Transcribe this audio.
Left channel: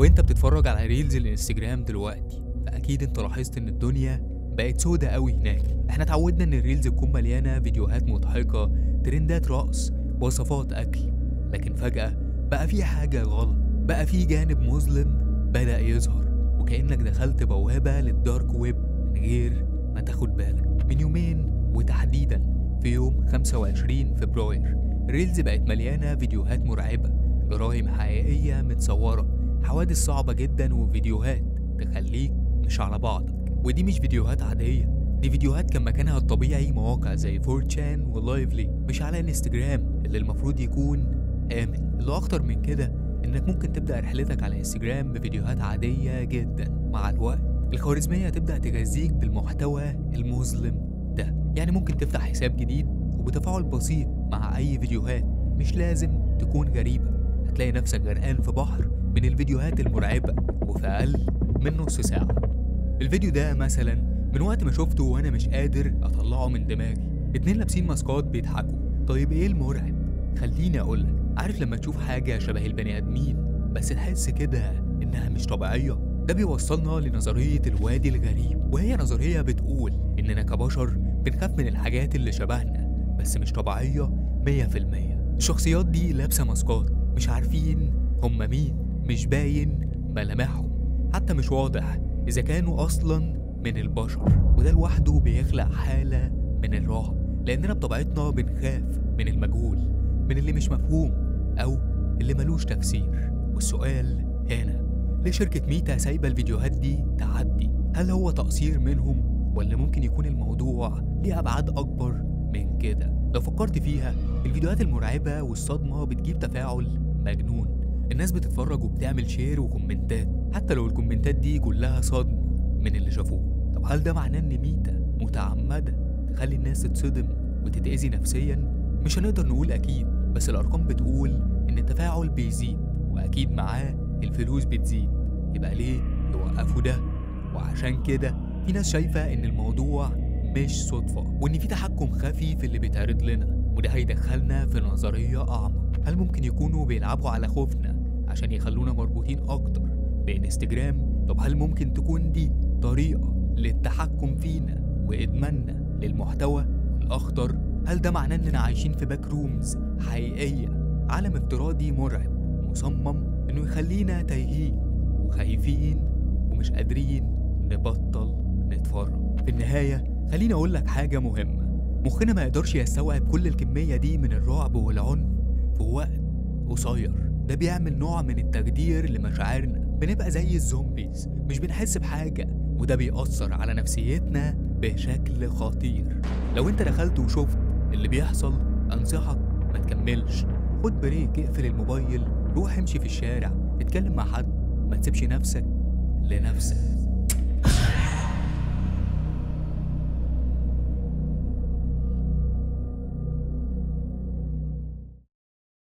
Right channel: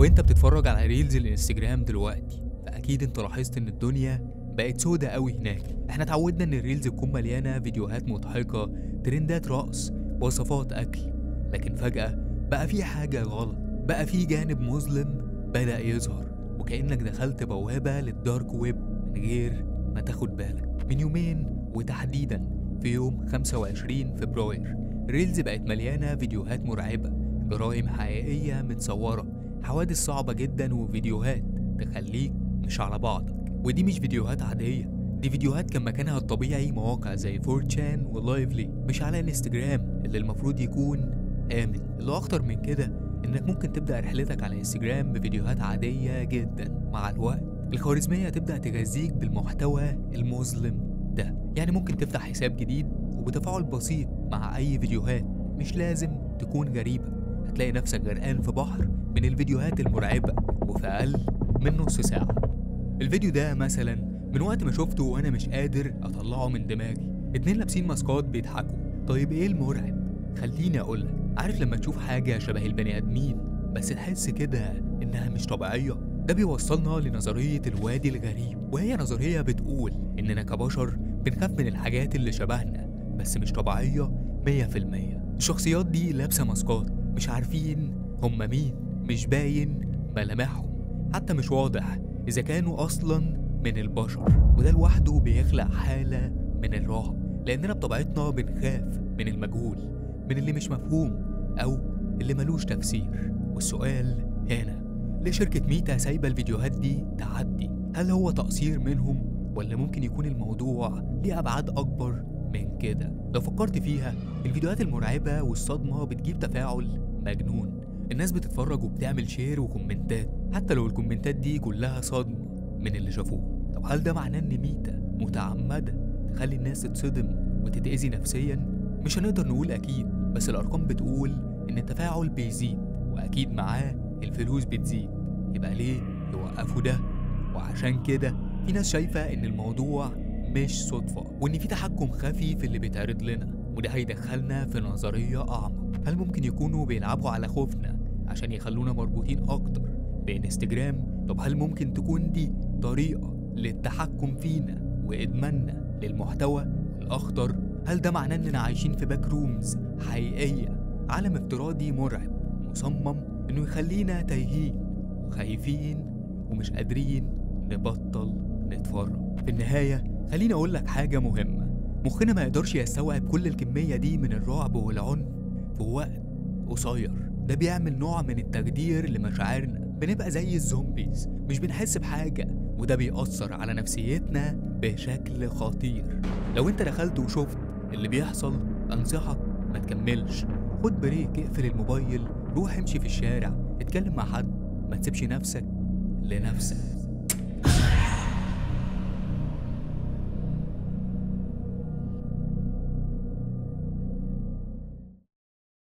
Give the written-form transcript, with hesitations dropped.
لو انت بتتفرج على ريلز الانستجرام دلوقتي فاكيد انت لاحظت ان الدنيا بقت سودة قوي هناك. احنا اتعودنا ان الريلز تكون مليانة فيديوهات مضحكة، ترندات رقص، وصفات اكل، لكن فجأة بقى في حاجة غلط، بقى في جانب مظلم بدأ يظهر، وكأنك دخلت بوابة للدارك ويب من غير ما تاخد بالك. من يومين وتحديدا في يوم 25 فبراير ريلز بقت مليانة فيديوهات مرعبة، جرائم حقيقية متصورة، حوادث صعبة جدا، وفيديوهات تخليك مش على بعضك. ودي مش فيديوهات عادية، دي فيديوهات كان مكانها الطبيعي مواقع زي فورتشان ولايفلي، مش على الانستجرام اللي المفروض يكون آمن. اللي أخطر من كده إنك ممكن تبدأ رحلتك على انستجرام بفيديوهات عادية جدا، مع الوقت الخوارزمية تبدأ تغذيك بالمحتوى المظلم ده. يعني ممكن تفتح حساب جديد وبتفاعل بسيط مع أي فيديوهات مش لازم تكون غريبة، هتلاقي نفسك غرقان في بحر من الفيديوهات المرعبة وفي أقل من نص ساعة. الفيديو ده مثلا من وقت ما شفته وأنا مش قادر أطلعه من دماغي، اتنين لابسين ماسكات بيضحكوا. طيب إيه المرعب؟ خليني أقولك، عارف لما تشوف حاجة شبه البني آدمين بس تحس كده إنها مش طبيعية؟ ده بيوصلنا لنظرية الوادي الغريب، وهي نظرية بتقول إننا كبشر بنخاف من الحاجات اللي شبهنا بس مش طبيعية 100%. الشخصيات دي لابسة ماسكات، مش عارفين هم مين، مش باين ملامحهم، حتى مش واضح إذا كانوا أصلا من البشر. وده لوحده بيخلق حالة من الرعب، لأننا بطبيعتنا بنخاف من المجهول، من اللي مش مفهوم أو اللي ملوش تفسير. والسؤال هنا، ليه شركة ميتا سايبة الفيديوهات دي تعدي؟ هل هو تقصير منهم ولا ممكن يكون الموضوع ليه أبعاد أكبر من كده؟ لو فكرت فيها الفيديوهات المرعبة والصدمة بتجيب تفاعل مجنون، الناس بتتفرج وبتعمل شير وكومنتات حتى لو الكومنتات دي كلها صدمة من اللي شافوه. طب هل ده معناه ان ميتا متعمدة تخلي الناس تتصدم وتتأذي نفسيا؟ مش هنقدر نقول اكيد، بس الارقام بتقول ان التفاعل بيزيد واكيد معاه الفلوس بتزيد، يبقى ليه يوقفوا ده؟ وعشان كده في ناس شايفة ان الموضوع مش صدفة، وان في تحكم خفي في اللي بيتعرض لنا، وده هيدخلنا في نظرية اعمق. هل ممكن يكونوا بيلعبوا على خوفنا عشان يخلونا مربوطين اكتر بانستجرام؟ طب هل ممكن تكون دي طريقة للتحكم فينا وادماننا للمحتوى؟ والاخطر، هل ده معناه اننا عايشين في باك رومز حقيقية، عالم افتراضي مرعب مصمم انه يخلينا تايهين وخايفين ومش قادرين نبطل نتفرج؟ في النهاية خليني اقول لك حاجة مهمة، مخنا ما يقدرش يستوعب كل الكمية دي من الرعب والعنف في وقت قصير. ده بيعمل نوع من التخدير لمشاعرنا، بنبقى زي الزومبيز مش بنحس بحاجة، وده بيأثر على نفسيتنا بشكل خطير. لو انت دخلت وشفت اللي بيحصل انصحك ما تكملش، خد بريك، اقفل الموبايل، روح امشي في الشارع، اتكلم مع حد، ما تسيبش نفسك لنفسك.